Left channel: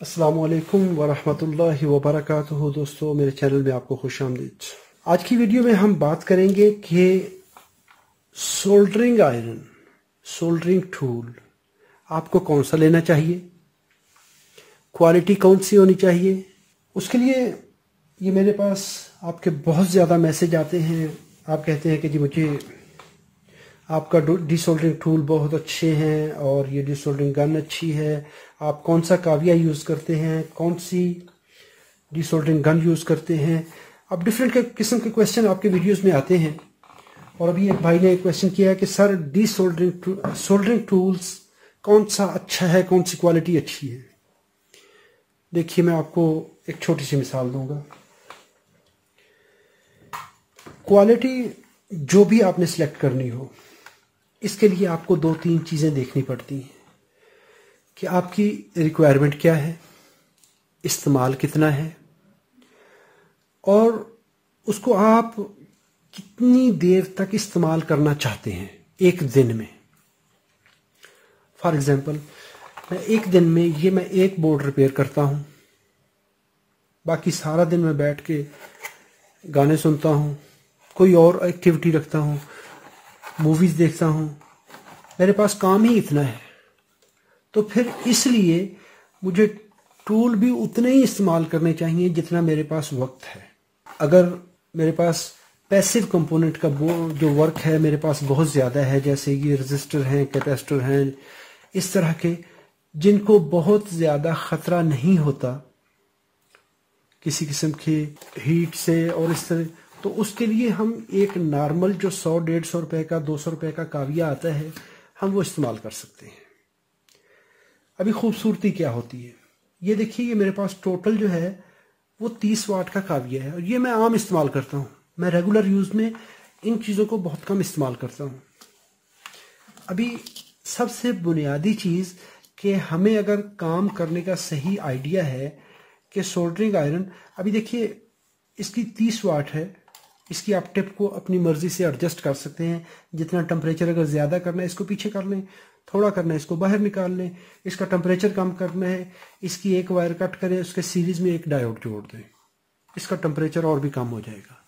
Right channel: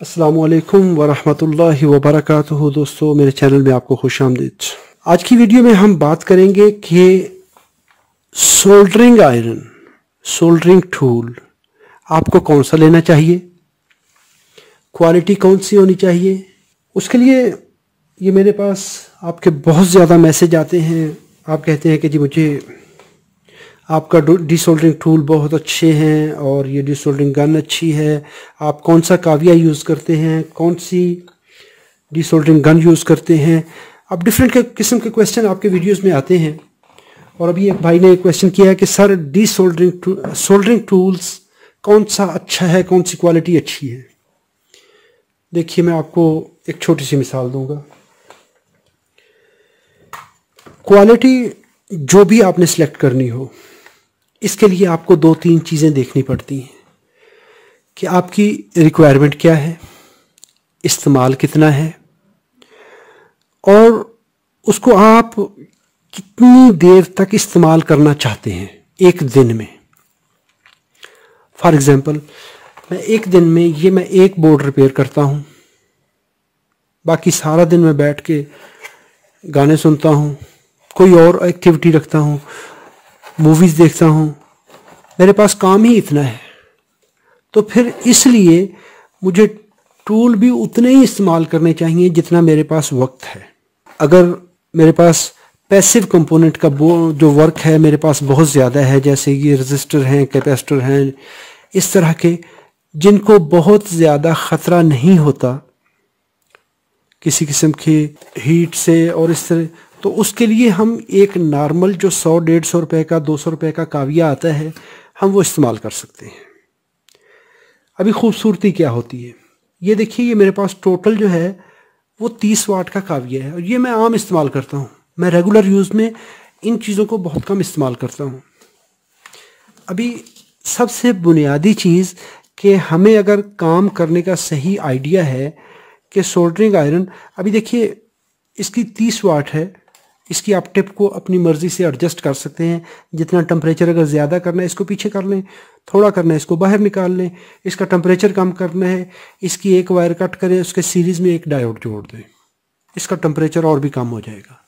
अस्सलामुअलैकुम वरहमतुल्लाहि वबरकातुहू। दोस्तों, मेरे चैनल में आपको खुशामदीद। आज की वीडियो में हम बात करेंगे कि सोल्डरिंग आयरन, सोल्डरिंग टूल आपको कौन सा लेना चाहिए, क्वालिटी कौन सी होनी चाहिए। उसके लिए ये मेरे पास आपके बहुत ज़्यादा मैसेज आते हैं। आप कहते हैं कि जी मुझे आपका डिसोल्डरिंग टूल बहुत अच्छे हैं और ये डिसोल्डरिंग गन अच्छी है। आप कौन सा काविया यूज़ करते हैं, कौन सी डिसोल्डरिंग गन यूज़ करते हैं। अब डिफरेंट किस्म के क्वेश्चन आपके वीडियोस में आते हैं। और अभी एक भाई ने क्वेश्चन किया है कि सर सोल्डरिंग टूल्स कौन सा अच्छा है, कौन सी क्वालिटी अच्छी है। देखिए, मैं आपको एक छोटी सी मिसाल दूंगा। क्वालिटी जो भी आपने सेलेक्ट करनी हो, इसके लिए आपको दो तीन चीज़ें देखनी पड़ती हैं कि आपकी रिक्वायरमेंट क्या है, इस्तेमाल कितना है और उसको आप कितनी देर तक इस्तेमाल करना चाहते हैं एक दिन में। फॉर एग्ज़ाम्पल, मैं एक दिन में मैं एक बोर्ड रिपेयर करता हूँ, बाकी सारा दिन मैं बैठ के गाने सुनता हूँ, कोई और एक्टिविटी रखता हूँ, मूवीज़ देखता हूँ। मेरे पास काम ही इतना है, तो फिर इसलिए मुझे टूल भी उतने ही इस्तेमाल करने चाहिए जितना मेरे पास वक्त है। अगर मेरे पास पैसिव कंपोनेंट का जो वर्क है मेरे पास बहुत ज़्यादा है, जैसे ये रजिस्टर हैं, कैपेसिटर हैं, इस तरह के जिनको बहुत ज़्यादा ख़तरा नहीं होता किसी किस्म की हीट से और इस तरह, तो उसके लिए हम एक नॉर्मल जो 100-150 रुपए का 200 रुपए का काविया आता है, हम वो इस्तेमाल कर सकते हैं। अभी खूबसूरती क्या होती है, ये देखिए, ये मेरे पास टोटल जो है वो 30 वाट का काविया है और ये मैं आम इस्तेमाल करता हूँ। मैं रेगुलर यूज़ में इन चीज़ों को बहुत कम इस्तेमाल करता हूँ। अभी सबसे बुनियादी चीज़ कि हमें अगर काम करने का सही आइडिया है कि सोल्डरिंग आयरन, अभी देखिए इसकी 30 वाट है, इसकी आप टिप को अपनी मर्ज़ी से एडजस्ट कर सकते हैं। जितना टेम्परेचर अगर ज़्यादा करना है इसको पीछे कर लें, थोड़ा करना है इसको बाहर निकाल लें, इसका टेम्परेचर कम करना है इसकी एक वायर कट करें, उसके सीरीज़ में एक डायोड जोड़ दें, इसका टेम्परेचर और भी कम हो जाएगा।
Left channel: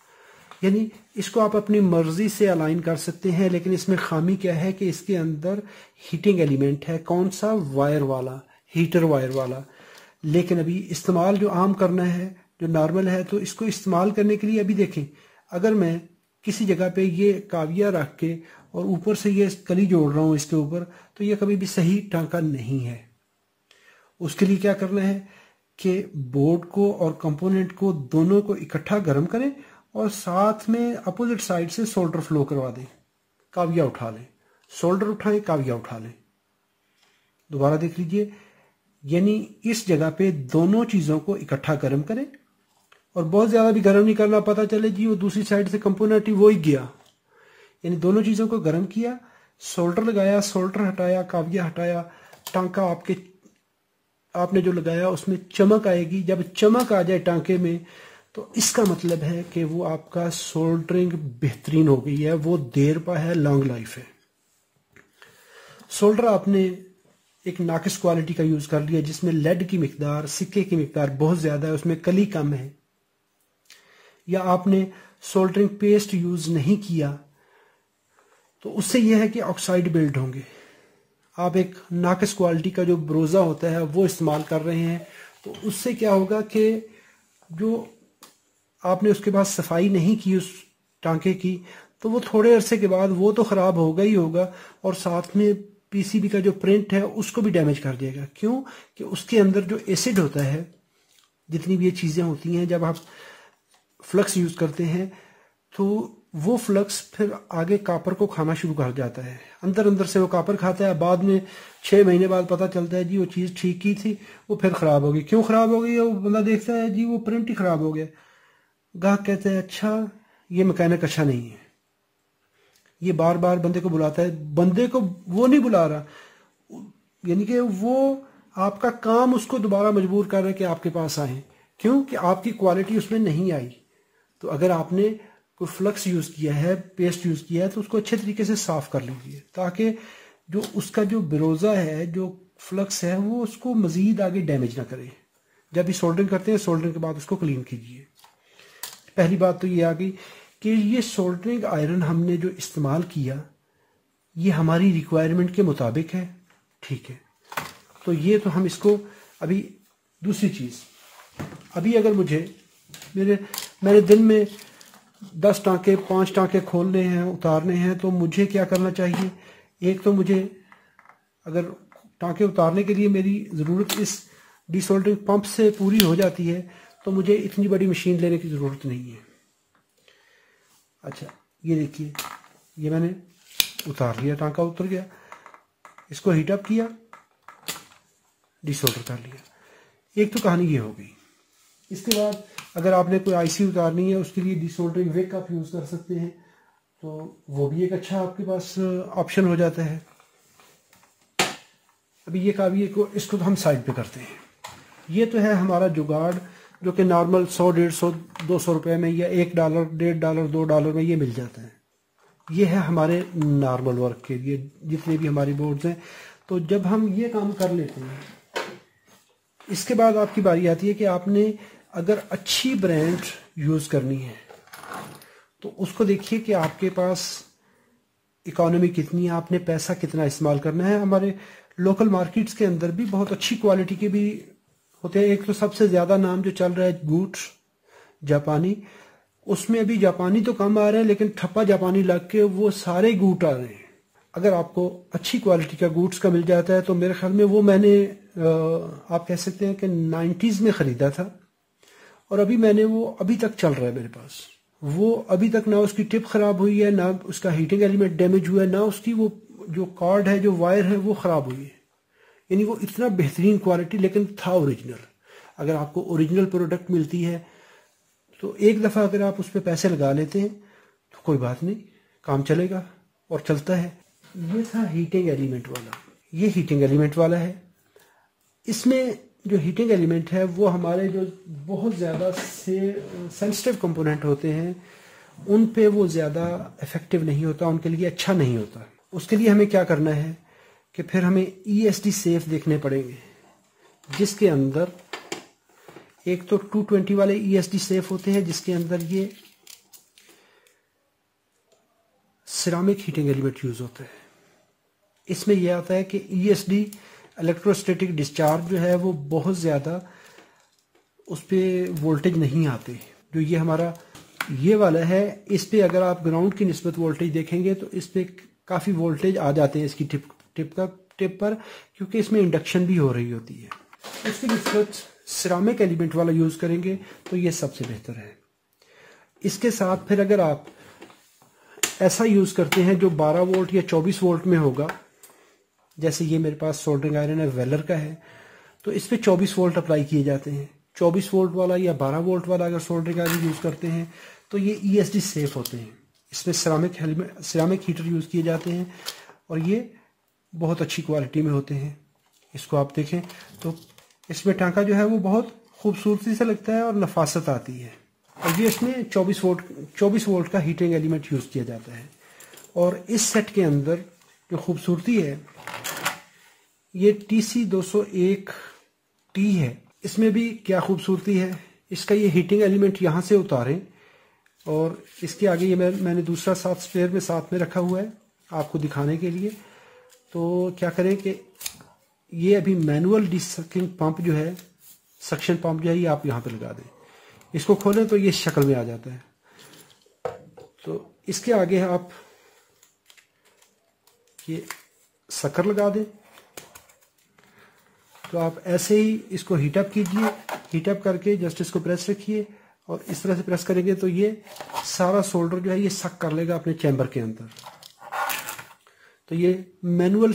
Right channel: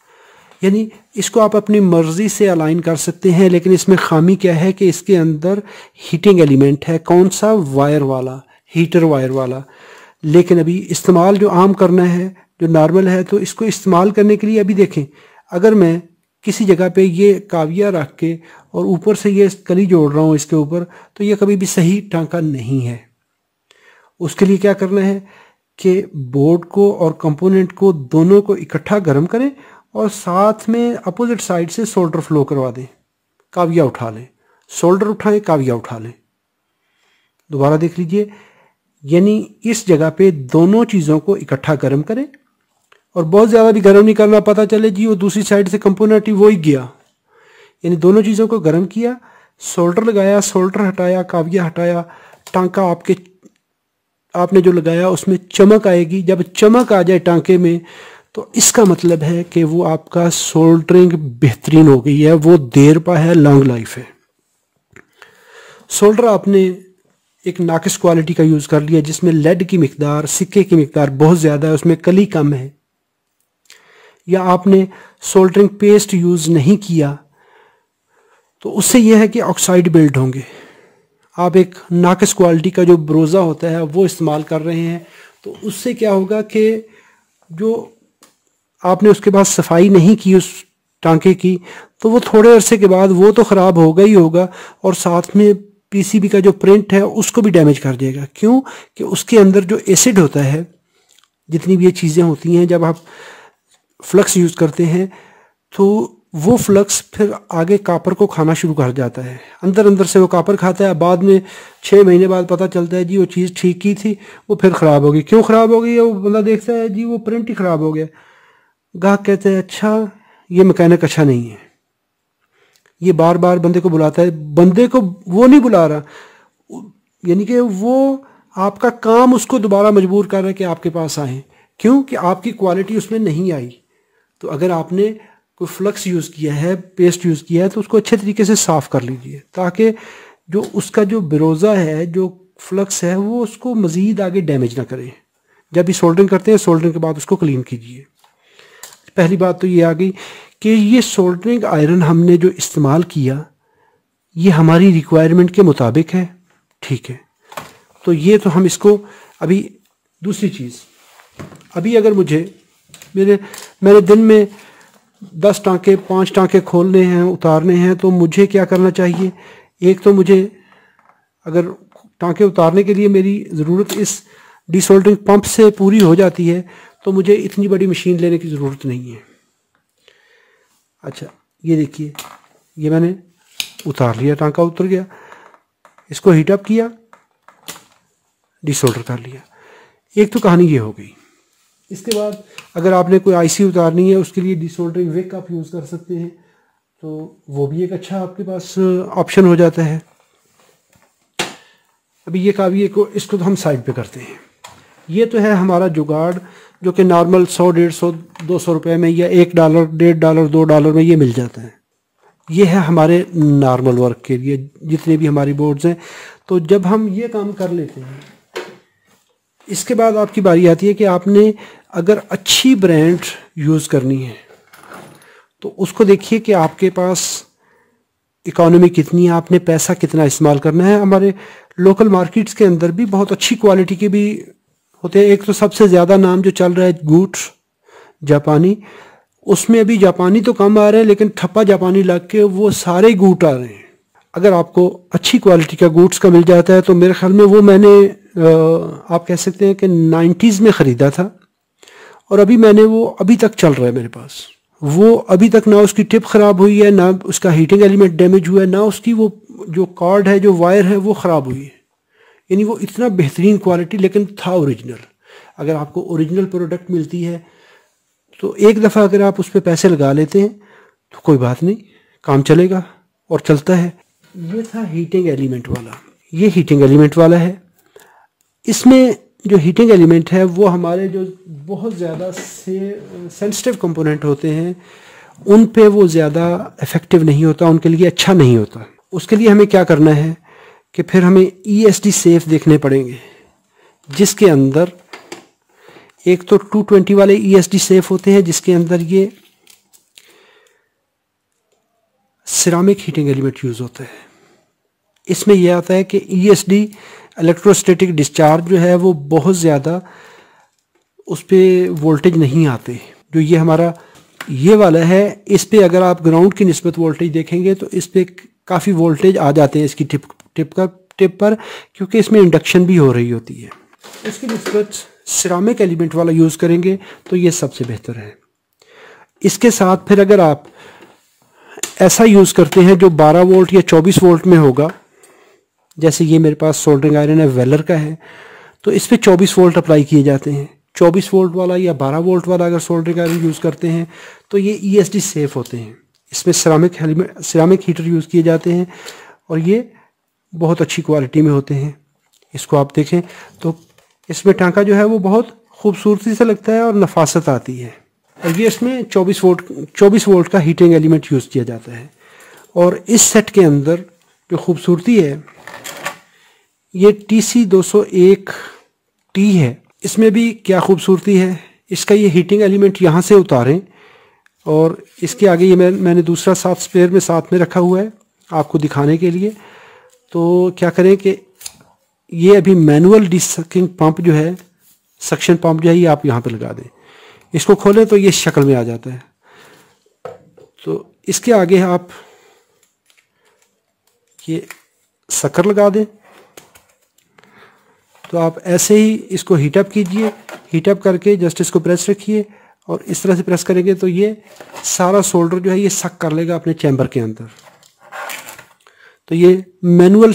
यानी इसको आप अपनी मर्ज़ी से अलाइन कर सकते हैं। लेकिन इसमें खामी क्या है कि इसके अंदर हीटिंग एलिमेंट है, कौन सा, वायर वाला, हीटर वायर वाला। लेकिन अभी इस्तेमाल जो आम करना है, जो नॉर्मल है, तो इसको इस्तेमाल करने के लिए अभी देखें, अगर मैं किसी जगह पे ये काविया रख के और ऊपर से ये कली जोड़ रहा हूँ इसके ऊपर, तो ये कभी भी सही टांका नहीं है। उसके लिए क्या करना है कि बोर्ड को और कंपोनेंट को दोनों को इकट्ठा गर्म करें और साथ में अपोजिट साइड से सोल्डर फ्लो करवा दें, काविया उठा लें, सोल्डर उठाएं, काविया उठा लें। दोबारा देख लीजिए, यानी इस जगह पे दोनों चीज़ों को इकट्ठा गर्म करें और बहुत ज़्यादा भी गर्म नहीं करना, पता चले जी वो दूसरी साइड से कंपोनेंट ही वो ही गया। यानी दोनों चीज़ों को गर्म किया, सोल्डर लगाया, सोल्डर हटाया, काविया हटाया, टांका आपने जो लगाया उसमें चमक आएगी। जब चमक आ जाए टांके में, तो इसका मतलब है कि वो आपका सोल्डरिंग बेहतरीन हो गई है, वो देर पा है, लॉन्ग लाइफ है। सोल्डर आपने एक नाकिस क्वालिटी का यूज़ कर लिया जिसमें लेड की मिकदार, सिक्के की मिकदार बहुत ज़्यादा है, उसमें कली कम है, या आपने सोल्डरिंग पेस्ट यूज़ नहीं किया, तो उससे यह है कि ऑक्साइड बिल्ड होंगे। आप एक नाकिस क्वालिटी का जो ब्रोज़ा होता है वो इस्तेमाल कर रहे हैं, तो उससे क्या होगा कि जो आपने उसके बाद सफाई नहीं की उस टांके की, तो वो थोड़े अरसे के बाद वो तो ख़राब होगा ही होगा और साथ में पीसीबी का जो प्रिंट है उसको भी डैमेज कर देगा। क्यों कि उसके अंदर जो एसिड होता है, जितनी भी ये चीज़ें होती हैं, जब आप फ्लक्स यूज़ करते हैं तो वो फ्लक्स फिर आगे कापर को खाना शुरू कर जाता है, अंदर अंदर से वो कापर खाता है। बाद में 6 महीने बाद पता चलता है जी वो चीज़ ठीक की थी, वो फिर ख़राब हो गई। क्यों ख़राब हो गई है? वो बंदा देखता है जी वो प्रिंट ही ख़राब हो गया। ग्राहक कहते हैं अच्छा ये मैकेनिक अच्छा नहीं है, ये बार बार बंदे को बुलाता है, बंदे को वो नहीं बुला रहा, यानी कि वो आपका काम उसको दोबारा मजबूर कर रहा है कि आपके पास आए। क्यों कि आपकी क्वालिटी उसमें नहीं आई। तो अगर आपने कोई फ्लक्स यूज़ किया है, पेस्ट यूज़ किया है, तो उसको अच्छे तरीके से साफ़ कर लीजिए ताकि जो उसका जो ब्रोज़ा है, जो फ्लक्स है वो उसको मज़ीद आगे डैमेज ना करे। जब भी सोल्डरिंग करते हैं, सोल्डरिंग के बाद उसको क्लीन कीजिए। पहली बात तो ये आ गई कि ये सोल्डरिंग आयरन हमने जो इस्तेमाल किया ये हमारी रिक्वायरमेंट के मुताबिक है, ठीक है। तो ये तो हम इसको अभी दूसरी चीज़, अभी अगर मेरे दिन में 10 टांके 5 टांके खोलने हैं, उतारने हैं, तो मुझे क्या करना चाहिए? एक तो मुझे अगर टांके उतारने के लिए मेरी ज़रूरत इस डिसोल्डरिंग पंप से पूरी हो जाती है तो मुझे इतनी बड़ी मशीन लेने की ज़रूरत नहीं है। अच्छा, ये देखिए, ये मैंने उतार लिया, टांका उतर गया, इसको हीट अप किया, डिसोल्डर कर लिया। एक तो कहानी ये हो गई। इसके बाद अगर आपने कोई आईसी उतारनी है उसके लिए डिसोल्डरिंग विक आप यूज़ कर सकते हैं, तो वो भी एक अच्छा आपके पास ऑप्शन हो जाता है। अभी ये काबिए को इसको तो हम साइड पे करते हैं। ये तो है हमारा जुगाड़ जो कि नॉर्मल 100, 150, 200 रुपये में या $1, $1.5, $2 में ये मिल जाता है। ये है हमारे नॉर्मल वर्क के लिए जितने भी हमारी बोर्ड्स हैं। तो जब हम ये काम कर लेते हैं, इसके बाद आपकी बारी आती है कि आपने अगर अच्छी ब्रांड यूज़ करनी है तो उसको देखिए कि आपके पास इकोनॉमी कितनी है, आपने पैसा कितना इस्तेमाल करना है। हमारे लोकल मार्केट्स के अंदर भी बहुत अच्छी क्वालिटी के भी होते हैं। एक तो सबसे ज़्यादा नाम जो चल रहा है गूट जापानी, उसमें अभी जापानी तो कम आ रहे हैं लेकिन ठप्पा जापानी लग के वो सारे गूट आ रहे हैं। अगर आपको अच्छी क्वालिटी का गूट्स का मिल जाता है तो मेरे ख्याल में वो मैंने आप कह सकते हैं कि 90s में ख़रीदा था और अभी वो अभी तक चल रहा है मेरे पास। वो अभी तक ना उसकी टिप ख़राब हुई है, ना उसका हीटिंग एलिमेंट डैमेज हुआ है, ना उसकी वो जो कॉर्ड है, जो वायर है वो ख़राब हुई है। यानी वो इतना बेहतरीन क्वालिटी, लेकिन था ओरिजिनल। अगर आपको ओरिजिनल प्रोडक्ट मिलती है तो एक दफ़ा अगर आप उस पर पैसे लगा लेते हैं तो कोई बात नहीं, काम चलेगा और चलता है। ये था हीटिंग एलिमेंट वाला, ये हीटिंग एलिमेंट वाला है। इसमें जो हीटिंग एलिमेंट है वो हमारे जो बहुत ज़्यादा सेंसिटिव कंपोनेंट होते हैं उन पे वो ज़्यादा इफ़ेक्टिव नहीं होता, उनके लिए अच्छा नहीं होता। उसके लिए हमें क्या करना है कि फिर हमें ESD सेफ देखने पड़ेंगे, जिसके अंदर एक तो 220 वाले ESD सेफ होते हैं जिसके अंदर ये सिरामिक हीटिंग एलिमेंट यूज़ होता है। इसमें यह आता है कि ESD इलेक्ट्रोस्टैटिक डिस्चार्ज जो है वो बहुत ज़्यादा उस पर वोल्टेज नहीं आते। जो ये हमारा ये वाला है, इस पे अगर आप ग्राउंड की निस्बत वोल्टेज देखेंगे तो इस पे काफ़ी वोल्टेज आ जाते हैं इसकी टिप पर, क्योंकि इसमें इंडक्शन भी हो रही होती है। इसकी निस्बत सिरामिक एलिमेंट वाला यूज़ करेंगे तो ये सबसे बेहतर है। इसके साथ फिर अगर आप ऐसा यूज़ करते हैं जो 12 वोल्ट या 24 वोल्ट में होगा, जैसे ये मेरे पास सोल्डरिंग आयरन है वेलर का है, तो इस पर 24 वोल्ट अप्लाई किए जाते हैं। 24 वोल्ट वाला या 12 वोल्ट वाला अगर सोल्डरिंग आयरन यूज़ करते हैं तो ये ESD सेफ होते हैं। इसमें सिरामिक हीटर यूज़ किए जाते हैं और ये बहुत अच्छी क्वालिटी में होते हैं। इसको आप देखें तो इसमें टांका जो है वो बहुत खूबसूरती से लगता है और नफासत आती है। और ये इसमें 24 वोल्ट का हीटिंग एलिमेंट यूज़ किया जाता है। और इस सेट के अंदर जो खूबसूरती है, ये TC201T है। इसमें भी क्या खूबसूरती है, इसका ये हीटिंग एलिमेंट यहाँ से उतारें और इसके आगे ये मैंने दूसरा साथ स्पेयर में साथ में रखा हुआ है आपको दिखाने के लिए। तो क्या करें कि ये अभी मैनुअल डिसकिंग पंप जो है, सक्शन पंप जो है, ये आप यहाँ पे लगा दें। इसको खोलें तो ये शक्ल में आ जाता है। तो इसके आगे आप ये शक्कर लगा दें। तो आप ऐसे ही इसको हीटअप कीजिए, हीटअप करके जस्ट इसको प्रेस रखिए और इस तरह से प्रेस करेंगे तो ये सारा सोल्डर जो है ये सक कर लेगा अपने चैम्बर के अंदर। तो ये मैनुअल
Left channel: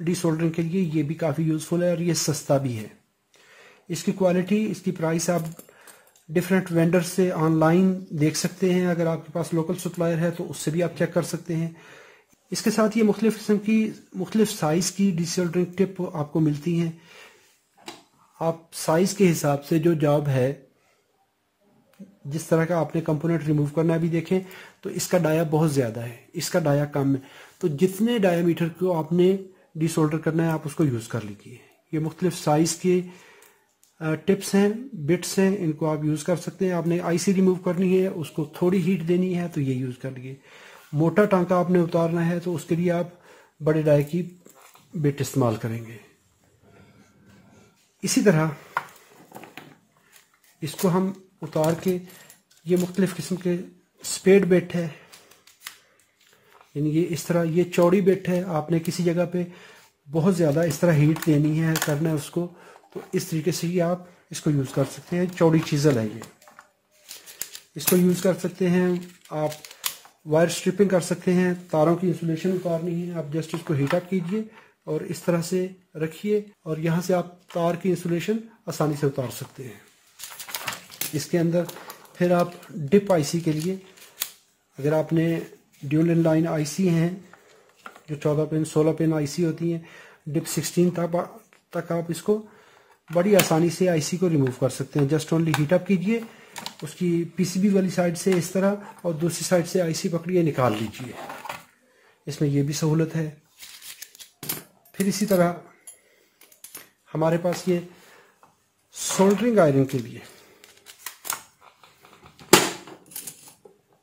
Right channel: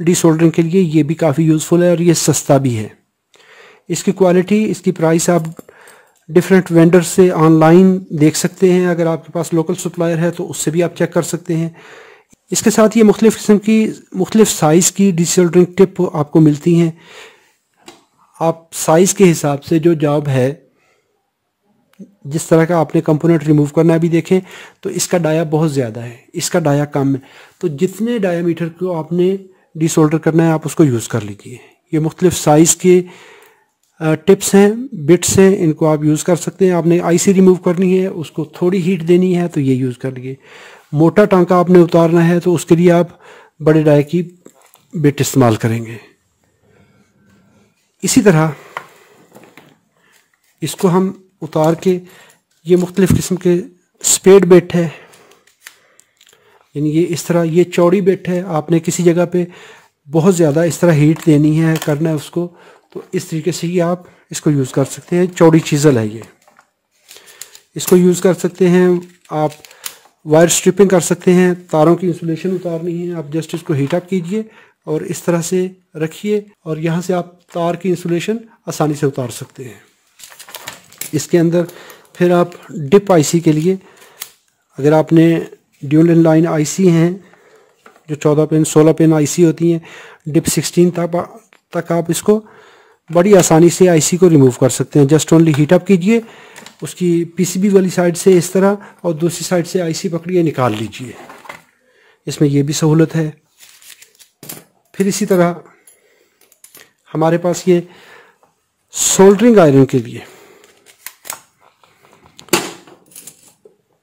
डिसोल्डरिंग के लिए ये भी काफ़ी यूज़फुल है और ये सस्ता भी है। इसकी क्वालिटी, इसकी प्राइस आप डिफरेंट वेंडर से ऑनलाइन देख सकते हैं। अगर आपके पास लोकल सप्लायर है तो उससे भी आप चेक कर सकते हैं। इसके साथ ये मुख्तलिफ़ किस्म की मुख्तलिफ़ साइज़ की डिसोल्डरिंग टिप आपको मिलती हैं। आप साइज़ के हिसाब से जो जॉब है, जिस तरह का आपने कंपोनेंट रिमूव करना है, अभी देखें तो इसका डाया बहुत ज़्यादा है, इसका डाया कम है। तो जितने डायामीटर को आपने डिसोल्डर करना है आप उसको यूज़ कर लीजिए। ये मुख्तलिफ साइज़ के टिप्स हैं, बिट्स हैं, इनको आप यूज़ कर सकते हैं। आपने आईसी रिमूव करनी है, उसको थोड़ी हीट देनी है तो ये यूज़ कर लीजिए। मोटा टांका आपने उतारना है तो उसके लिए आप बड़े डाई की बिट इस्तेमाल करेंगे। इसी तरह इसको हम उतार के, ये मुख्तलिफ़ किस्म के स्पेड बिट है, यानी ये इस तरह ये चौड़ी बिट है। आपने किसी जगह पे बहुत ज़्यादा इस तरह हीट देनी है, करना है उसको, तो इस तरीके से ही आप इसको यूज़ कर सकते हैं। चौड़ी चीज़ल है ये, इसको यूज़ कर सकते हैं। आप वायर स्ट्रिपिंग कर सकते हैं, तारों की इंसुलेशन उतारनी है, आप जस्ट इसको हीट अप कीजिए और इस तरह से रखिए और यहाँ से आप तार की इंसुलेशन आसानी से उतार सकते हैं। इसके अंदर फिर आप डिप आईसी के लिए, अगर आपने ड्यूल इन लाइन आईसी हैं जो 14 पिन 16 पिन आईसी होती हैं, डिप 16 तक आप इसको बड़ी आसानी से आईसी को रिमूव कर सकते हैं। जस्ट ओनली हीट अप कीजिए, उसकी पीसीबी वाली साइड से इस तरह और दूसरी साइड से आईसी पकड़िए, निकाल लीजिए। इसमें यह भी सहूलत है। फिर इसी तरह हमारे पास ये सोल्डरिंग आयरन के लिए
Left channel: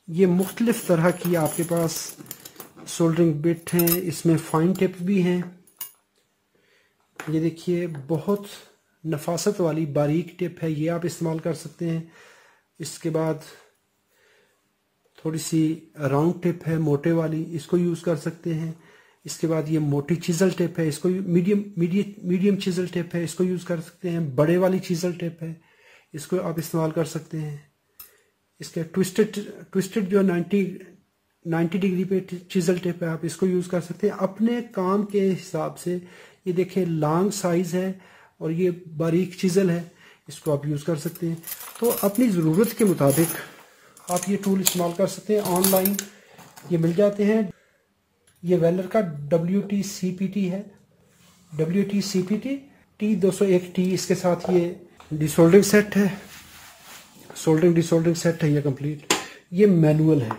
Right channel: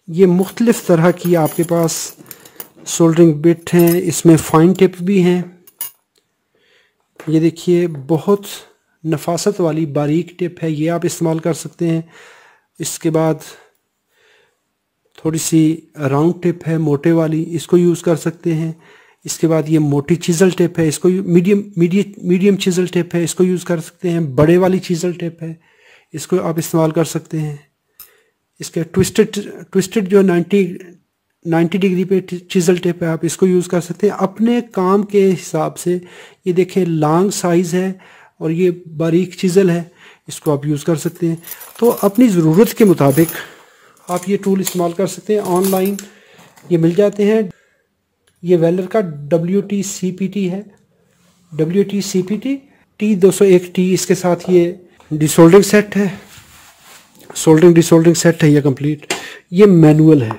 ये मुख्तलिफ तरह की आपके पास सोल्डरिंग बिट हैं, इसमें फाइन टिप भी हैं। ये देखिए बहुत नफासत वाली बारीक टिप है, ये आप इस्तेमाल कर सकते हैं। इसके बाद थोड़ी सी राउंड टिप है मोटे वाली, इसको यूज़ कर सकते हैं। इसके बाद ये मोटी चीज़ल टिप है, इसको मीडियम चीज़ल टिप है, इसको यूज़ कर सकते हैं। बड़े वाली चीज़ल टिप है, इसको आप इस्तेमाल कर सकते हैं। इसके ट्विस्टेड जो 90 डिग्री पे चीज़ल टिप है, आप इसको यूज़ कर सकते हैं अपने काम के हिसाब से। ये देखें लॉन्ग साइज़ है और ये बारीक चीज़ल है, इसको आप यूज़ कर सकते हैं। तो अपनी ज़रूरत के मुताबिक आप ये टूल इस्तेमाल कर सकते हैं। ऑनलाइन ये मिल जाते हैं। ये वेलर का WT-CPT है, WT-CPT T201T। इसके साथ ये डिसोल्डरिंग सेट है, सोल्डरिंग डिसोल्डरिंग सेट है ये कंप्लीट। ये मैनुअल है,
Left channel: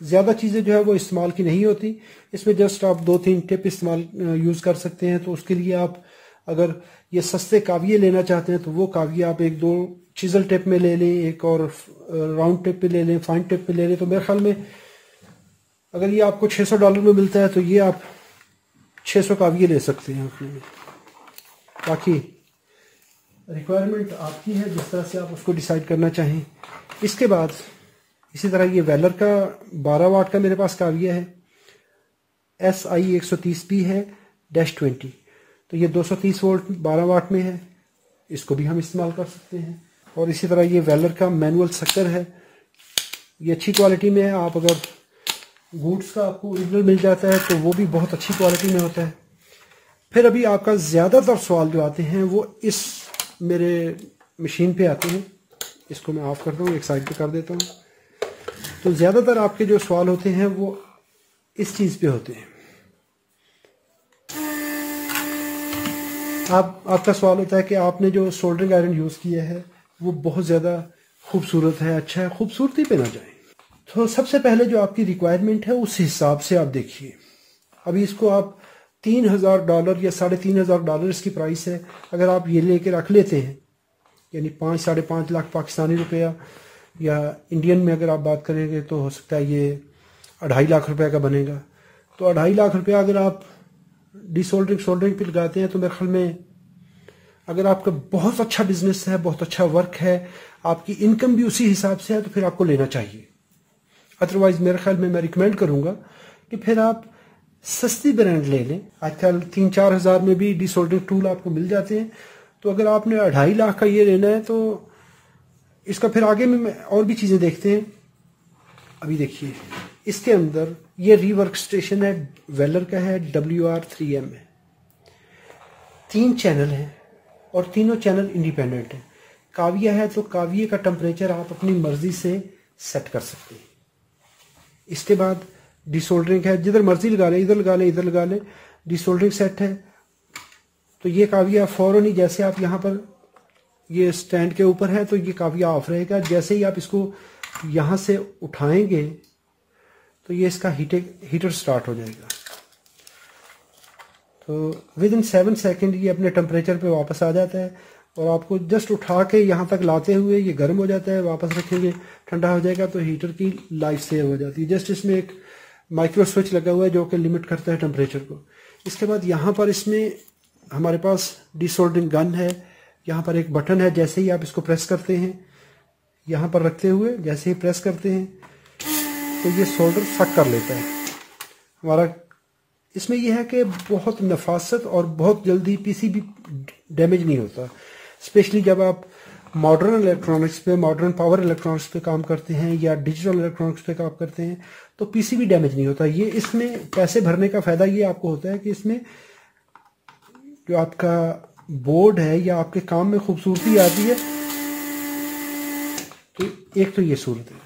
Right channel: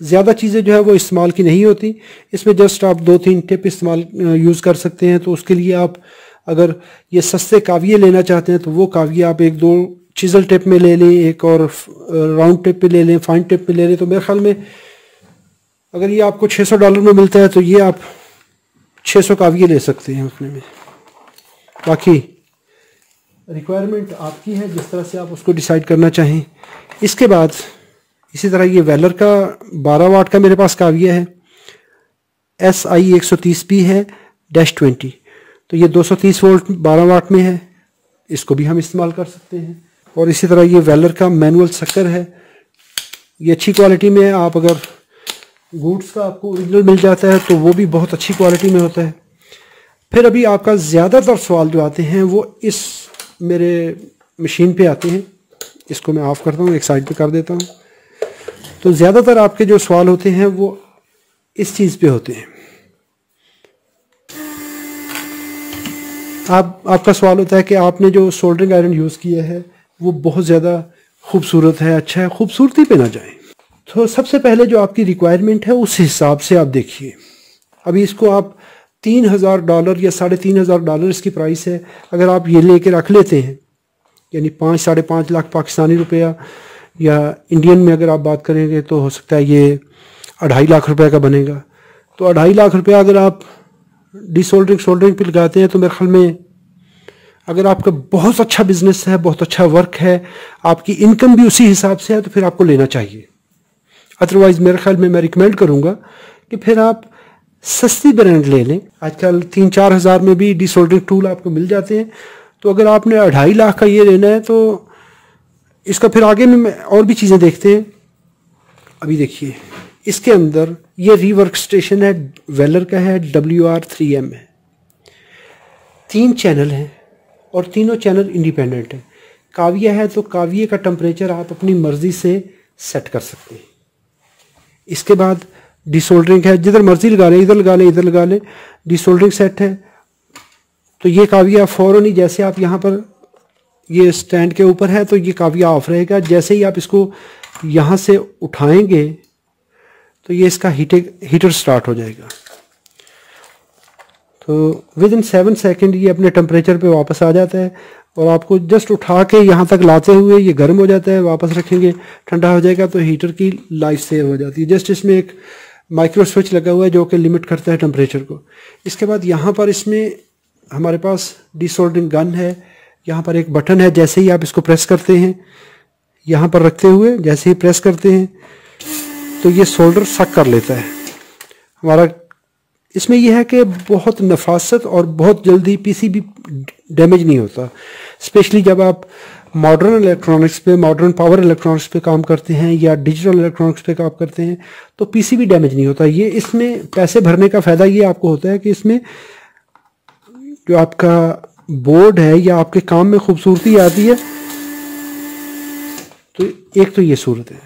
ज़्यादा चीज़ें जो है वो इस्तेमाल की नहीं होती। इसमें जस्ट आप 2-3 टिप इस्तेमाल यूज़ कर सकते हैं। तो उसके लिए आप अगर ये सस्ते काविये लेना चाहते हैं तो वो काविये आप 1-2 चीज़ल टिप में ले लें, एक और राउंड टिप पे ले लें, फाइन टिप पे ले लें। तो मेरे ख्याल में अगर ये आपको $600 में मिलता है तो ये आप 600 काविये ले सकते हैं उतने में। बाकी रिक्वायरमेंट आपकी है, जिस तरह से आप उसको डिसाइड करना चाहें। इसके बाद इसी तरह ये वेलर का 12 वाट का मेरे पास काविया है, SI 130P है -20। तो ये 230 वोल्ट 12 वाट में है, इसको भी हम इस्तेमाल कर सकते हैं। और इसी तरह ये वेलर का मैनुअल सक्कर है, ये अच्छी क्वालिटी में है। आप अगर गुड्स का आपको ओरिजिनल मिल जाता है तो वो भी बहुत अच्छी क्वालिटी में होता है। फिर अभी आपका ज़्यादातर सवाल जो आते हैं वो इस मेरे मशीन पे आते हैं। इसको मैं ऑफ़ करता हूँ, एक साइड पे कर देता हूँ। तो ज़्यादातर आपके जो सवाल होते हैं वो इस चीज़ पे होते हैं। आपका सवाल होता है कि आपने जो सोल्डरिंग आयरन यूज़ किया है वो बहुत ज़्यादा खूबसूरत है, अच्छा है, खूबसूरती पे ना जाए। तो सबसे पहले जो आपकी रिक्वायरमेंट है उस हिसाब से आप देखिए। अभी इसको आप $3000 या $3500 इसकी प्राइस है। अगर आप ये लेके रख लेते हैं, यानी 5-5.5 लाख पाकिस्तानी रुपया, या इंडियन में अगर आप बात करेंगे तो हो सकता है ये 2.5 लाख रुपए का बनेगा। तो 2.5 लाख रुपया अगर आप सोल्डरिंग पे लगाते हैं तो मेरे ख्याल में अगर आपका बहुत अच्छा बिजनेस है, बहुत अच्छा वर्क है, आपकी इनकम भी उसी हिसाब से है, तो फिर आपको लेना चाहिए। अदरवाइज़ मेरे ख्याल में मैं रिकमेंड करूँगा कि फिर आप सस्ती ब्रांड ले लें। आजकल 3-4 हज़ार में भी डिसोल्डरिंग टूल आपको मिल जाते हैं। तो अगर आपने 2.5 लाख का ये लेना है तो इसका फिर आगे में और भी चीज़ें देखते हैं। अभी देखिए इसके अंदर ये रीवर्क स्टेशन है, वेलर का है, WR3M है। 3 चैनल हैं और तीनों चैनल इंडिपेंडेंट हैं। काविया है तो काविये का टेम्परेचर आप अपनी मर्ज़ी से सेट कर सकते हैं। इसके बाद डिसोल्डरिंग है, जिधर मर्जी लगा लें, इधर लगा लें, इधर लगा लें। डिसोल्डरिंग सेट है तो ये काविया फ़ौरन ही, जैसे आप यहाँ पर ये स्टैंड के ऊपर है तो ये काविया ऑफ रहेगा। जैसे ही आप इसको यहाँ से उठाएंगे तो ये इसका हीटर स्टार्ट हो जाएगा। तो विद इन 7 सेकेंड ये अपने टेम्परेचर पे वापस आ जाता है और आपको जस्ट उठा के यहाँ तक लाते हुए ये गर्म हो जाता है, वापस रखेंगे ठंडा हो जाएगा तो हीटर की लाइफ सेव हो जाती है। जस्ट इसमें एक माइक्रो स्विच लगा हुआ है जो कि लिमिट करता है टेम्परेचर को। इसके बाद यहाँ पर इसमें हमारे पास डिसोल्डरिंग गन है, यहाँ पर एक बटन है, जैसे ही आप इसको प्रेस करते हैं यहाँ पर रखते हुए जैसे ही प्रेस करते हैं तो ये सोल्डर सक कर लेता है हमारा। इसमें यह है कि बहुत नफासत और बहुत जल्दी पीसीबी डैमेज नहीं होता, स्पेशली जब आप मॉडर्न इलेक्ट्रॉनिक्स पे, मॉडर्न पावर इलेक्ट्रॉनिक्स पे काम करते हैं या डिजिटल इलेक्ट्रॉनिक्स पे काम करते हैं तो पीसीबी डैमेज नहीं होता। ये इसमें पैसे भरने का फ़ायदा ये आपको होता है कि इसमें जो आपका बोर्ड है या आपके काम में खूबसूरती आती है। तो एक तो ये सूरत है,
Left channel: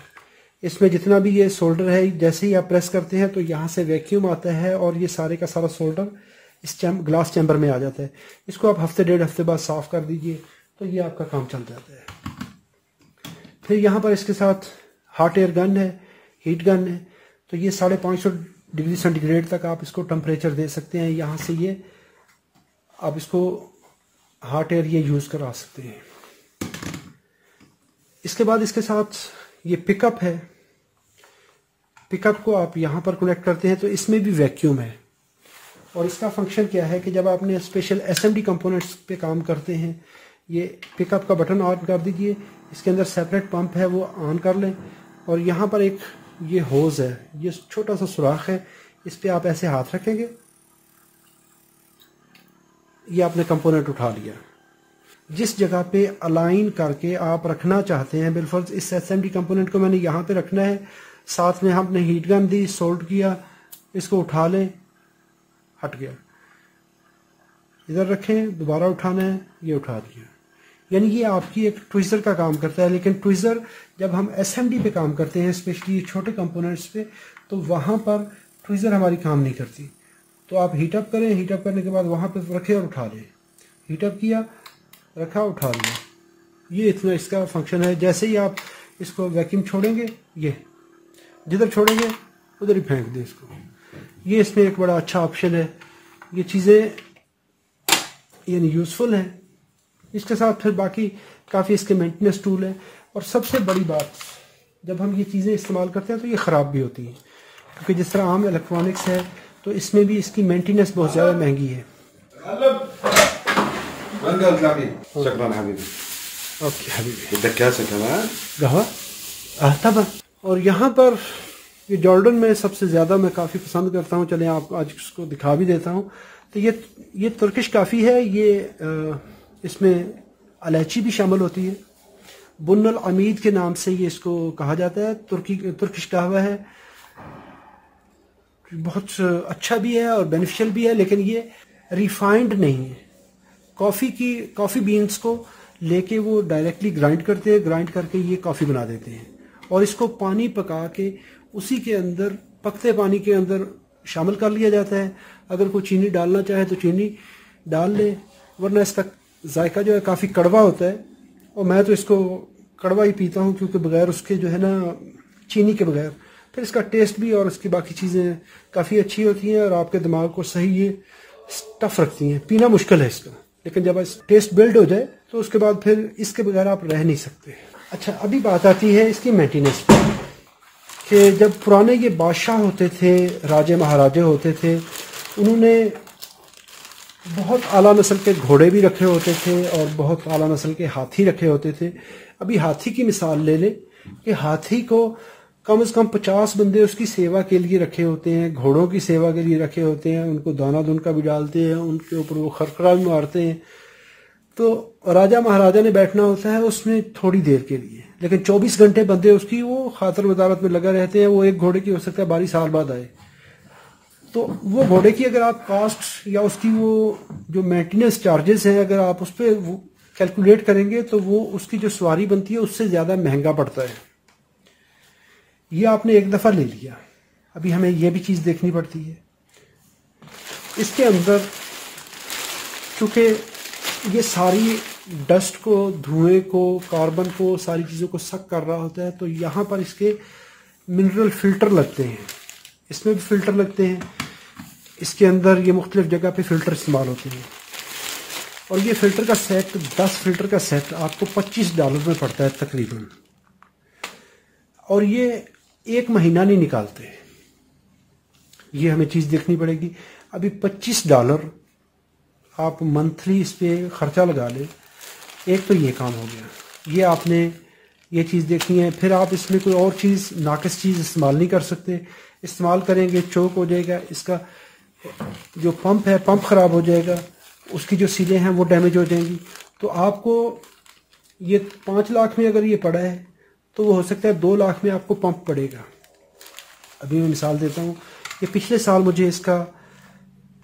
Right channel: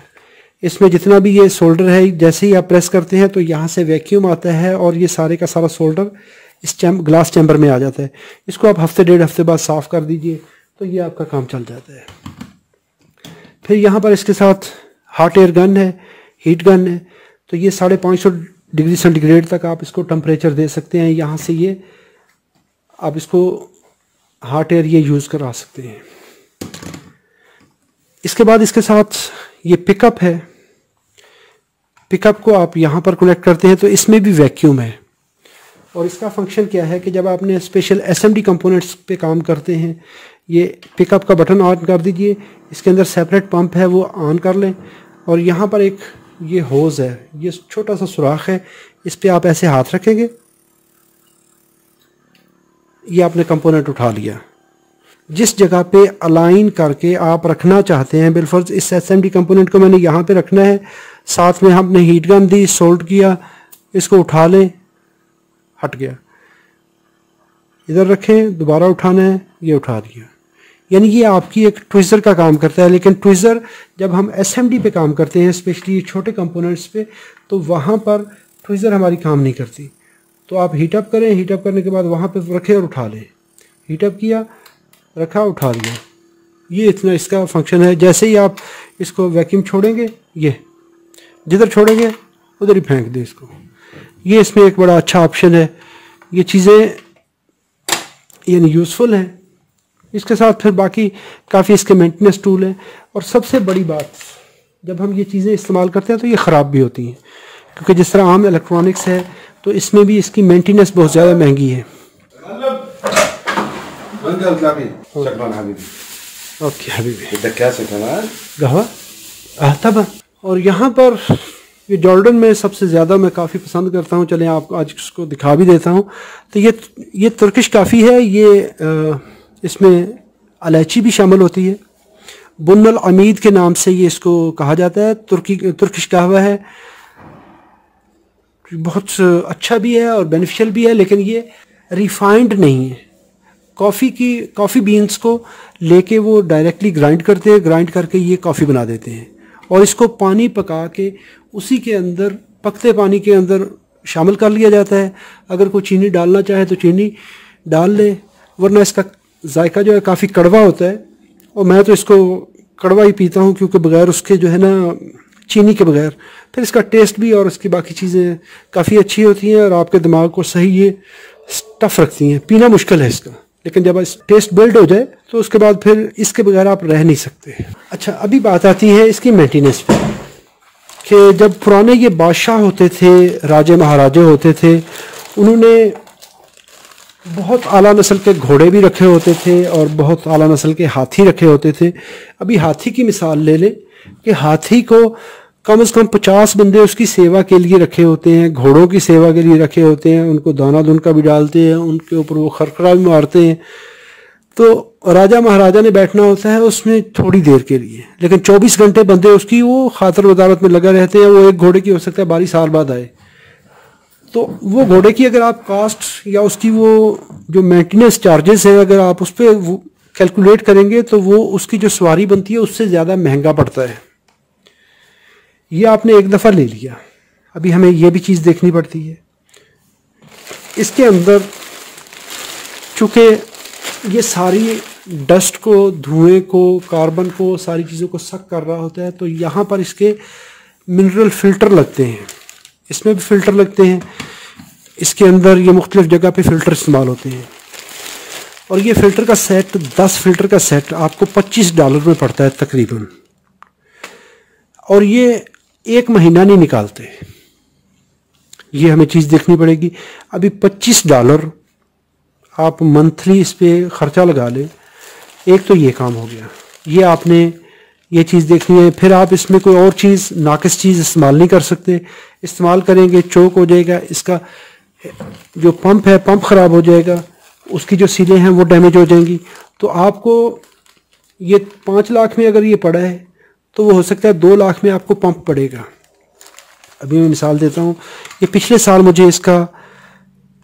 इसमें जितना भी ये सोल्डर है जैसे ही आप प्रेस करते हैं तो यहाँ से वैक्यूम आता है और ये सारे का सारा सोल्डर इस ग्लास चैम्बर में आ जाता है। इसको आप हफ्ते 1.5 हफ्ते बाद साफ़ कर दीजिए तो ये आपका काम चल जाता है। फिर यहाँ पर इसके साथ हॉट एयर गन है, हीट गन है, तो ये 550 डिग्री सेंटीग्रेड तक आप इसको टेम्परेचर दे सकते हैं। यहाँ से ये आप इसको हॉट एयर ये यूज़ करा सकते हैं। इसके बाद इसके साथ ये पिकअप है, पिकअप को आप यहाँ पर कनेक्ट करते हैं तो इसमें भी वैक्यूम है और इसका फंक्शन क्या है कि जब आपने स्पेशल एसएमडी कंपोनेंट्स पे काम करते हैं ये पिकअप का बटन ऑन कर दीजिए, इसके अंदर सेपरेट पंप है वो ऑन कर लें और यहाँ पर एक ये होज़ है, ये छोटा सा सुराख है, इस पर आप ऐसे हाथ रखेंगे, ये आपने कंपोनेंट उठा लिया। जिस जगह पे अलाइन करके आप रखना चाहते हैं, बिलफर्ज इस एसएमडी कंपोनेंट को मैंने यहाँ पे रखना है, साथ में हमने हीट गन दी, सोल्ड किया, इसको उठा लें, हट गया, इधर रखें, दोबारा उठाना है, ये उठा दिया। यानी ये आपकी एक ट्विज़र का काम करता है। लेकिन ट्विज़र जब हम एसएमडी पे काम करते हैं, स्पेशली छोटे कंपोनेंट्स पे, तो वहाँ पर ट्विज़र हमारी काम नहीं करती। तो आप हीटअप करें, हीटअप करने के बाद वहाँ पे रखें और उठा लें, हीटअप किया, रखा, उठा लिया, ये इतना इसका फंक्शन है। जैसे ही आप इसको वैक्यूम छोड़ेंगे, ये जिधर छोड़ेंगे उधर ही फेंक दें इसको। ये इसमें एक बड़ा अच्छा ऑप्शन है, ये चीज़ें यानी यूज़फुल हैं। इसके साथ फिर बाकी काफ़ी इसके मेंटेनेंस टूल हैं और सबसे बड़ी बात, जब हम ये चीज़ें इस्तेमाल करते हैं तो ये ख़राब भी होती हैं, क्योंकि जिस तरह आम इलेक्ट्रॉनिक्स है तो इसमें भी इसकी मेंटेनेंस बहुत ज़्यादा महंगी है। ओके हबीबी, और यहाँ पर ये जॉर्डन में सबसे ज़्यादा मैं काफ़ी पसंद करता हूँ, चलें आप आज इसको दिखा भी देता हूँ। तो ये तुर्किश काफ़ी है, ये इसमें इलायची भी शामिल होती है, बुन्नल अमीद के नाम से ये इसको कहा जाता है। तुर्किश कहवा है, बहुत अच्छा भी है और बेनिफिशियल भी है, लेकिन ये रिफाइंड नहीं है। कॉफ़ी बीन्स को लेके वो डायरेक्टली ग्राइंड करते हैं, ग्राइंड करके ये कॉफ़ी बना देते हैं और इसको पानी पका के उसी के अंदर, पकते पानी के अंदर शामिल कर लिया जाता है। अगर कोई चीनी डालना चाहे तो चीनी डाल ले, वरना इसका जायका जो है काफ़ी कड़वा होता है और मैं तो इसको कड़वा ही पीता हूँ, क्योंकि बगैर उसके जो है ना, चीनी के बगैर, फिर इसका टेस्ट भी और इसकी बाकी चीज़ें काफ़ी अच्छी होती हैं और आपके दिमाग को सही ये स्टफ़ रखती हैं। पीना मुश्किल है इसका, लेकिन जब टेस्ट बिल्ड हो जाए तो उसके बाद फिर इसके बगैर आप रह नहीं सकते। अच्छा, अभी बात आती है इसकी मेंटेनेंस पे, कि जब पुराने ये बादशाह होते थे, राजे महाराजे होते थे, उन्होंने बहुत आला नस्ल के घोड़े भी रखे होते थे और बहुत आला नस्ल के हाथी रखे होते थे। अभी हाथी की मिसाल ले लें कि हाथी को कम से कम 50 बंदे उसकी सेवा के लिए रखे होते हैं, घोड़ों की सेवा के लिए रखे होते हैं, उनको दाना दुनका भी डालते हैं, उनके ऊपर वो खरखरा भी मारते हैं। तो राजा महाराजा ने बैठना होता है उसमें थोड़ी देर के लिए, लेकिन 24 घंटे बंदे उसकी वो खातर वजारत में लगा रहते हैं। वो एक घोड़े की हो सकता है 12 साल बाद आए, तो वो घोड़े की अगर आप कास्ट या उसकी वो जो मेंटेनेंस चार्जेस हैं अगर आप उस पर कैलकुलेट करेंगे तो वो उसकी जो सवारी बनती है उससे ज़्यादा महंगा पड़ता है। ये आपने एक दफ़ा ले लिया, अभी हमें ये भी चीज़ देखनी पड़ती है। इसके अंदर चूँकि ये सारी डस्ट को, धुएं को, कार्बन को, सारी चीज़ों को सक कर रहा होता है, तो यहाँ पर इसके मिनरल फ़िल्टर लगते हैं, इसमें भी फ़िल्टर लगते हैं। इसके अंदर ये मुख्तलिफ जगह पे फ़िल्टर इस्तेमाल होते हैं और ये फ़िल्टर का सेट 10 फ़िल्टर का सेट आपको $25 में पड़ता है तकरीबन, और ये एक महीना नहीं निकालते। ये हमें चीज़ देखनी पड़ेगी। अभी $25 आप मंथली इस पर ख़र्चा लगा लें, एक तो ये काम हो गया। ये आपने ये चीज़ देखनी है। फिर आप इसमें कोई और चीज़ नाकिस चीज़ इस्तेमाल नहीं कर सकते। इस्तेमाल करेंगे चोक हो जाएगा, इसका जो पंप है पंप ख़राब हो जाएगा, उसकी जो सीलें हैं वो डैमेज हो जाएंगी। तो आपको ये 5 लाख में अगर ये पड़ा है तो वो हो सकता है 2 लाख में आपको पंप पड़ेगा। अभी मैं मिसाल देता हूँ, ये पिछले साल मुझे इसका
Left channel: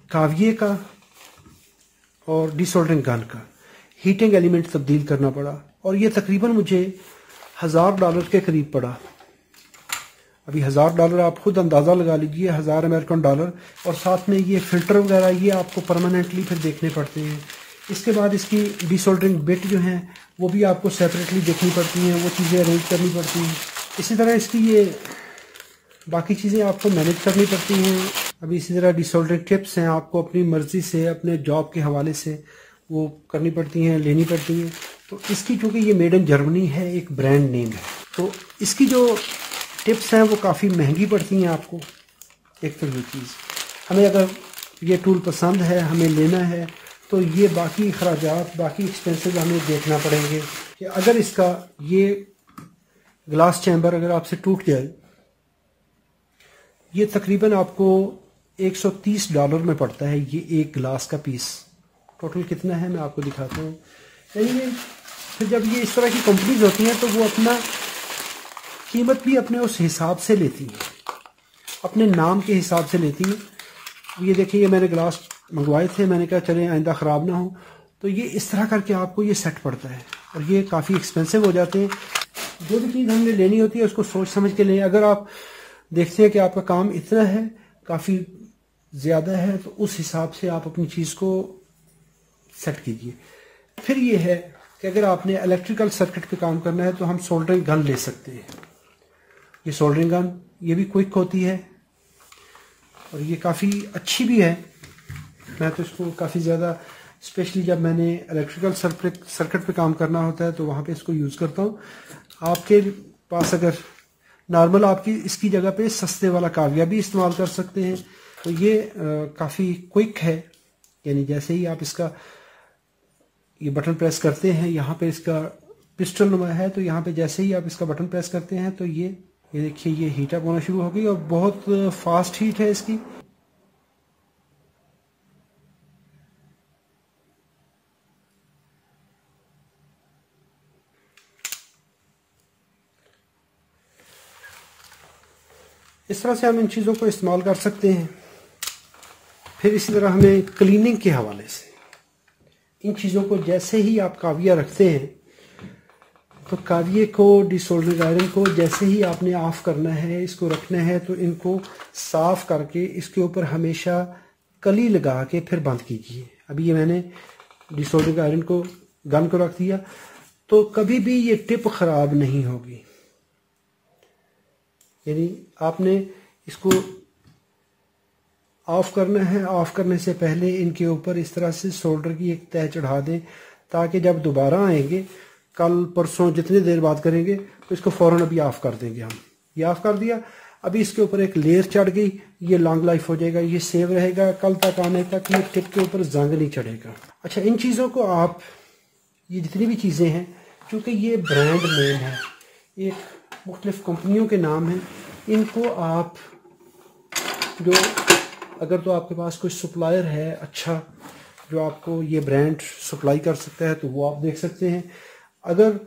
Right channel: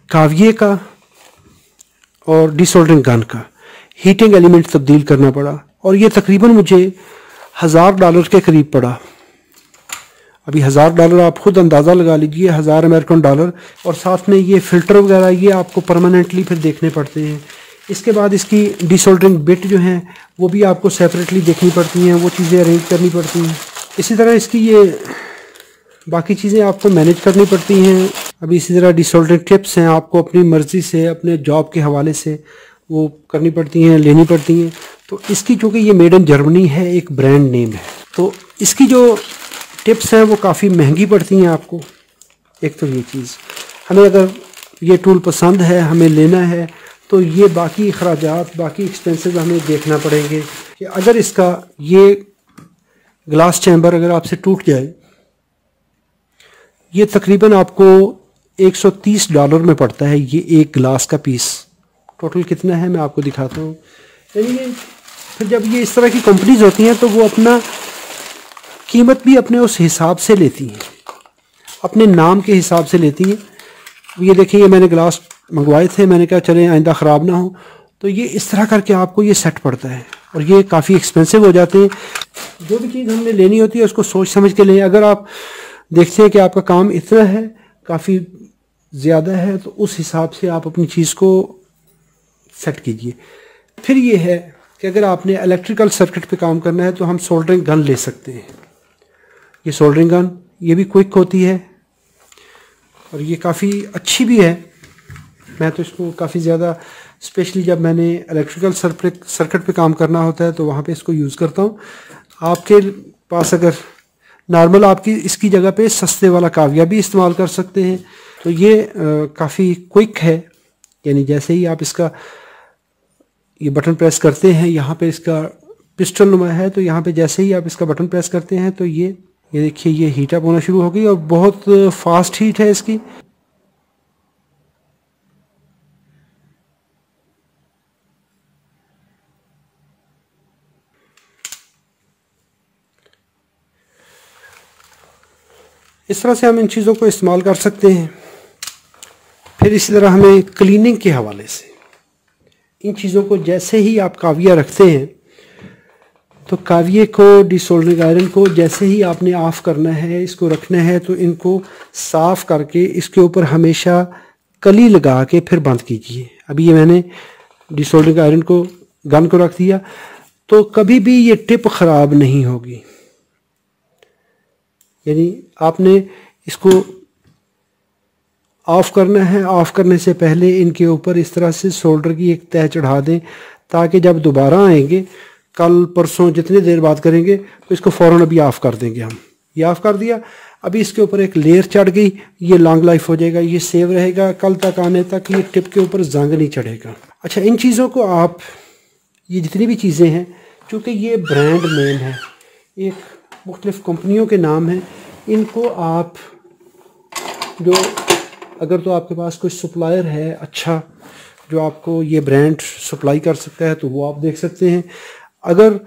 काविये का और डिसोल्डरिंग गन का हीटिंग एलिमेंट तब्दील करना पड़ा और ये तकरीबन मुझे $1000 के करीब पड़ा। अभी $1000 आप खुद अंदाज़ा लगा लीजिए, 1000 अमेरिकन डॉलर, और साथ में ये फ़िल्टर वगैरह ये आपको परमानेंटली फिर देखने पड़ते हैं। इसके बाद इसकी डिसोल्डरिंग बिट जो हैं वो भी आपको सेपरेटली देखनी पड़ती हैं, वो चीज़ें अरेंज करनी पड़ती हैं। इसी तरह इसकी ये बाकी चीज़ें आपको मैनेज करनी पड़ती हैं। अभी इसी तरह डिसोल्डरिंग टिप्स हैं, आपको अपनी मर्ज़ी से अपने जॉब के हवाले से वो करनी पड़ती हैं, लेनी पड़ती हैं। तो इसकी चूँकि ये मेड इन जर्मनी है, एक ब्रांड नेम है, तो इसकी जो टिप्स हैं वो काफ़ी महंगी पड़ती हैं आपको। एक तो ये चीज़, हमें अगर ये टूल पसंद है, हमें लेना है, तो ये बाकी अखराजात बाकी एक्सपेंसेस हमें देखना पड़ेंगे कि अगर इसका ये ग्लास चैम्बर अगर आपसे टूट जाए, ये तकरीबन आपको $130 में पड़ता है ये एक ग्लास का पीस। टोटल कितना है मैं आपको दिखाता हूँ। यानी ये फिर जब ये इस तरह की कंपनीज होती हैं तो वो अपना कीमत भी अपने उस हिसाब से लेती हैं, अपने नाम के हिसाब से लेती हैं। ये देखिए, ये मैंने ग्लास मंगवाए थे, मैंने कहा चले आइंदा ख़राब ना हो, तो ये इस तरह करके आपको ये सेट पड़ता है और ये काफ़ी एक्सपेंसिव हो जाते हैं। जो भी चीज़ हमने लेनी होती है उसको सोच समझ के लें। अगर आप देखते हैं कि आपका काम इतना है, काफ़ी ज़्यादा है, तो उस हिसाब से आप अपनी चीज़ को सेट कीजिए। फिर ये है कि अगर आपने इलेक्ट्रिकल सर्किट पे काम करना है तो हम सोल्डरिंग गन ले सकते हैं। ये सोल्डरिंग गन ये भी क्विक होती है और ये काफ़ी अच्छी भी है। मैं तो इसको काफ़ी ज़्यादा, स्पेशली जब मैंने इलेक्ट्रिकल सर्किट पे काम करना होता है तो वहाँ पे इसको यूज़ करता हूँ। आपके पास अगर नॉर्मल, आपकी इसकी जगह पे सस्ते वाला काविया भी इस्तेमाल कर सकते हैं। तो ये काफ़ी क्विक है, यानी जैसे ही आप इसका ये बटन प्रेस करते हैं, यहाँ पे इसका पिस्टल नुमा है, तो यहाँ पे जैसे ही आप इसका बटन प्रेस करते हैं तो ये देखिए ये हीट अप होना शुरू हो गई और बहुत फास्ट हीट है इसकी। इस तरह से हम इन चीज़ों को इस्तेमाल कर सकते हैं। फिर इसी तरह हमें क्लीनिंग के हवाले से इन चीज़ों को, जैसे ही आप काविया रखते हैं तो काविये को, डिसोल्डरिंग आयरन को जैसे ही आपने ऑफ़ करना है, इसको रखना है, तो इनको साफ़ करके इसके ऊपर हमेशा कली लगा के फिर बंद कीजिए। अभी ये मैंने डिसोल्डरिंग आयरन को, गन को रख दिया, तो कभी भी ये टिप ख़राब नहीं होगी। यानी आपने इसको ऑफ़ करना है, ऑफ़ करने से पहले इनके ऊपर इस तरह से सोल्डर की एक तह चढ़ा दें, ताकि जब दोबारा आएंगे, कल परसों जितनी देर बात करेंगे, तो इसको फ़ौरन अभी ऑफ़ कर देंगे हम। ये ऑफ़ कर दिया, अभी इसके ऊपर एक लेयर चढ़ गई, ये लॉन्ग लाइफ हो जाएगा, ये सेव रहेगा, कल तक आने तक ये टिप के ऊपर जंग नहीं चढ़ेगा। अच्छा, इन चीज़ों को आप, ये जितनी भी चीज़ें हैं, चूँकि ये ब्रांड नेम है, एक मुख्तलिफ़ कंपनियों के नाम हैं, इनको आप जो, अगर तो आपके पास कोई सप्लायर है अच्छा जो आपको ये ब्रांड सप्लाई कर सकता है तो वो आप देख सकते हैं। अगर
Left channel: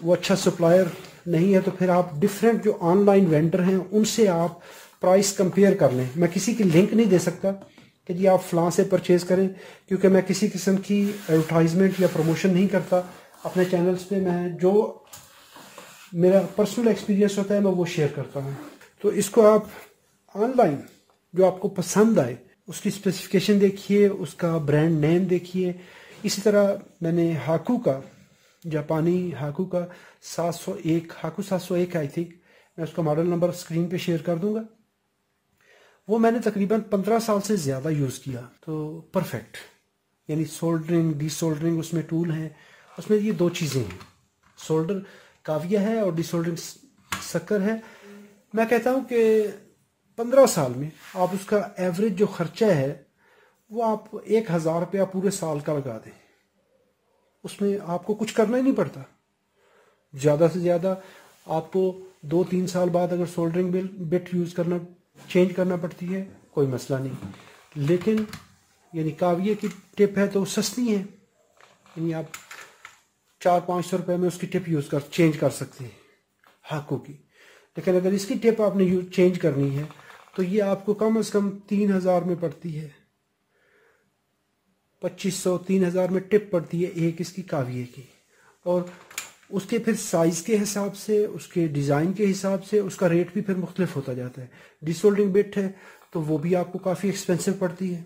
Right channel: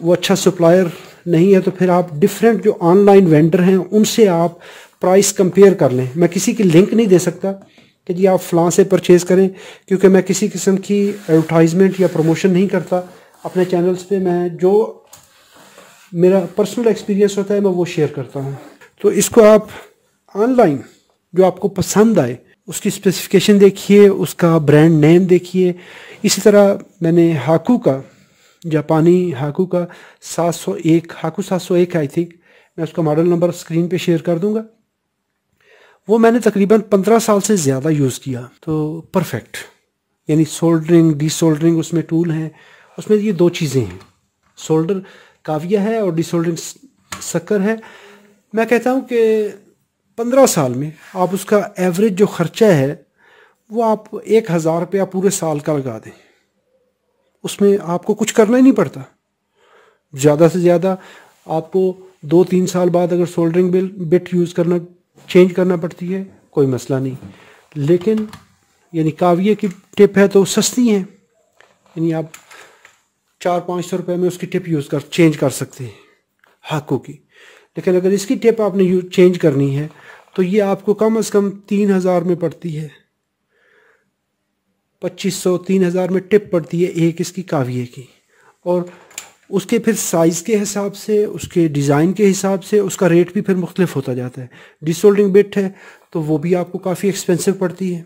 वो अच्छा सप्लायर नहीं है तो फिर आप डिफरेंट जो ऑनलाइन वेंडर हैं उनसे आप प्राइस कंपेयर कर लें। मैं किसी की लिंक नहीं दे सकता कि जी आप फ़लाँ से परचेज़ करें, क्योंकि मैं किसी किस्म की एडवर्टाइजमेंट या प्रमोशन नहीं करता अपने चैनल्स पे। मैं जो मेरा पर्सनल एक्सपीरियंस होता है मैं वो शेयर करता हूँ। तो इसको आप ऑनलाइन जो आपको पसंद आए उसकी स्पेसिफिकेशन देखिए, उसका ब्रांड नेम देखिए। इसी तरह मैंने हाकू का, जापानी हाकू का 701, हाकू 701 आई थिंक, मैं उसका मॉडल नंबर स्क्रीन पे शेयर कर दूंगा। वो मैंने तकरीबन 15 साल से ज़्यादा यूज़ किया, तो परफेक्ट। यानी सोल्डरिंग, डीसोल्डरिंग उसमें टूल हैं, उसमें ये दो चीज़ें हैं, सोल्डर काविया है और डीसोल्डरिंग शक्कर है। मैं कहता हूँ कि 15 साल में आप उसका एवरेज जो ख़र्चा है वो आप 1000 रुपया पूरे साल का लगा दें, उसमें आपको कुछ करना ही नहीं पड़ता। ज़्यादा से ज़्यादा आपको 2-3 साल बाद अगर सोल्डरिंग बिट यूज़ करना, चेंज करना पड़ती है, कोई मसला नहीं। लेकिन यानी काविये की टिप है तो सस्ती हैं, यानी आप 400-500 रुपये में उसकी टिप यूज़ चेंज कर सकते हैं हाको की। लेकिन अगर इसकी टिप आपने चेंज करनी है तो ये आपको कम से कम 3000 में पड़ती है, 2500-3000 में टिप पड़ती है एक इसकी काविये की। और उसके फिर साइज़ के हिसाब से, उसके डिज़ाइन के हिसाब से उसका रेट भी फिर मुख्तलिफ होता जाता है। डिसोल्डरिंग बिट है तो वो भी आपको काफ़ी एक्सपेंसिव पड़ती है।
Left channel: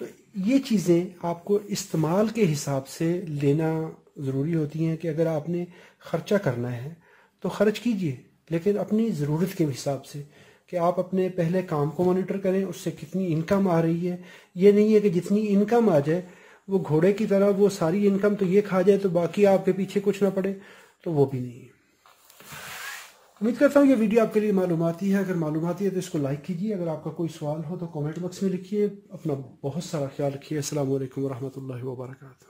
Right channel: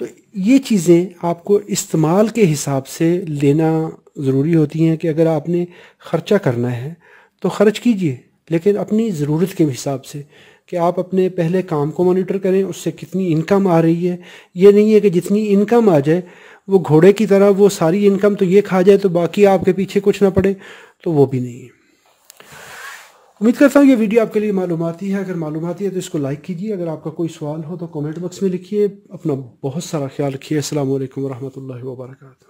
तो ये चीज़ें आपको इस्तेमाल के हिसाब से लेना ज़रूरी होती हैं कि अगर आपने ख़र्चा करना है तो ख़र्च कीजिए, लेकिन अपनी ज़रूरत के हिसाब से, कि आप अपने पहले काम को मॉनिटर करें, उससे कितनी इनकम आ रही है। ये नहीं है कि जितनी इनकम आ जाए वो घोड़े की तरह वो सारी इनकम तो ये खा जाए तो बाकी आपके पीछे कुछ ना पड़े, तो वो भी नहीं है। उम्मीद करता हूँ ये वीडियो आपके लिए मालूमाती है। अगर मालूमाती है तो इसको लाइक कीजिए। अगर आपका कोई सवाल हो तो कमेंट बॉक्स में लिखिए। अपना बहुत सारा ख्याल रखिए। अस्सलाम वालेकुम रहमतुल्लाहि व बरकातहू।